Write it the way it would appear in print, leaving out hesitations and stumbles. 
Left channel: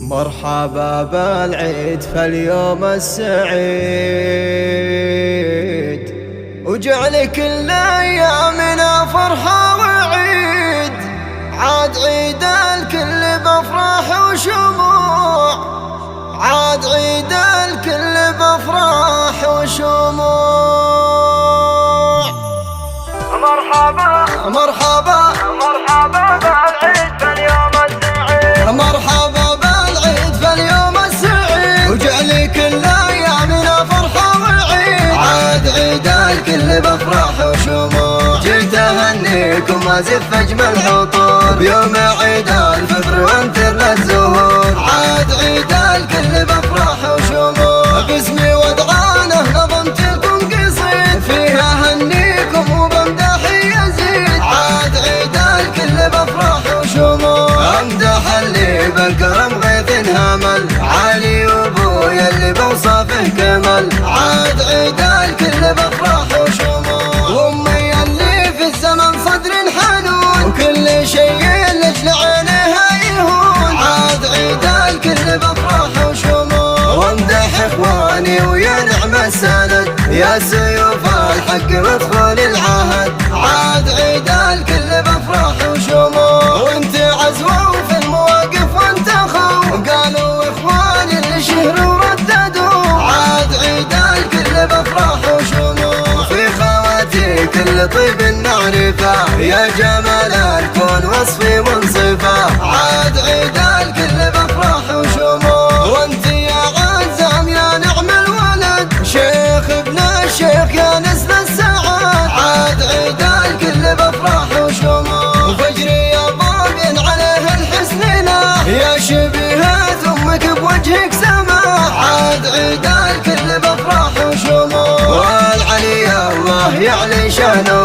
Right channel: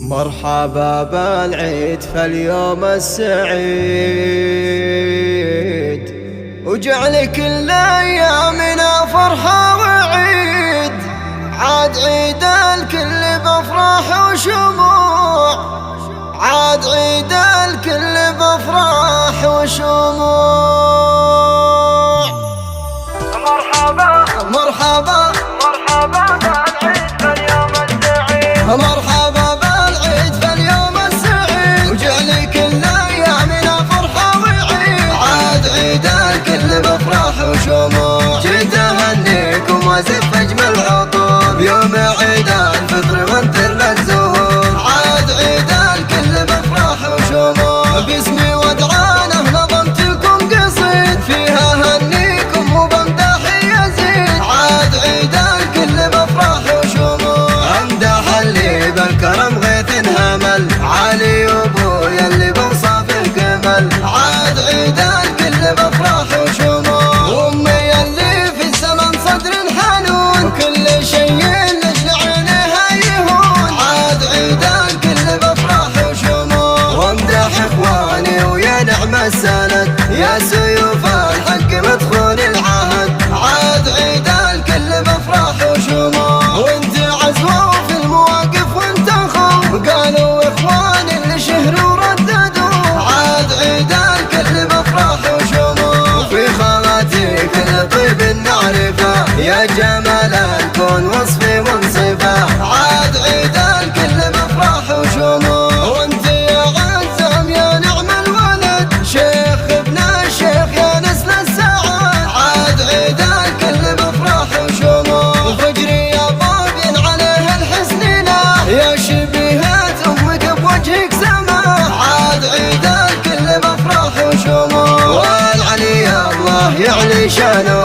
مرحبا بالعيد فاليوم السعيد، وجعل كل ايامنا فرحة وعيد. عاد عيد الكل بافراح وشموع، عاد عيد الكل بافراح وشموع. مرحبا مرحبا مرحبا بالعيد فاليوم السعيد، مرحبا بالعيد فاليوم السعيد، وجعل كل ايامنا فرحة وعيد. عاد عيد الكل بافراح وشموع، جيت اهنيكم وازف اجمل عطور يوم عيد الفطر وانثر الزهور. عاد عيد الكل بافراح وشموع، باسمي ودعانه نظمت لكم قصيد فيها هنيكم وبمدح يزيد. عاد عيد الكل بافراح وشموع، امدح اللي بالكرم غيث همل، علي وابويا اللي بوصفه جمل. عاد عيد الكل بافراح وشموع، وامي اللي في الزمن صدر حنون، وكل شيء لاجل عينها يهون. عاد عيد الكل بافراح وشموع، وامدح اخواني ويا نعم السند، يا سيوف الحق مدخول العهد. عاد عيد الكل بافراح وشموع، وانت عزوة في المواقف وانت خو، قالوا اخواني اللي شهروا رددوا. عاد عيد الكل بافراح وشموع، وفي خواتي كل طيب نعرفه، يا جمال الكون وصفي منصفه. عاد عيد الكل بافراح وشموع، وانت يا عزام يا نعم الولد، شيخ ابن الشيخ يا نسل السعاد. عاد عيد الكل بافراح وشموع، وفجري يا طابين عليه الحسن له، يا شبيهة امك بوجهك سماء. عاد عيد الكل بافراح وشموع، والعلي الله يعلي شانه،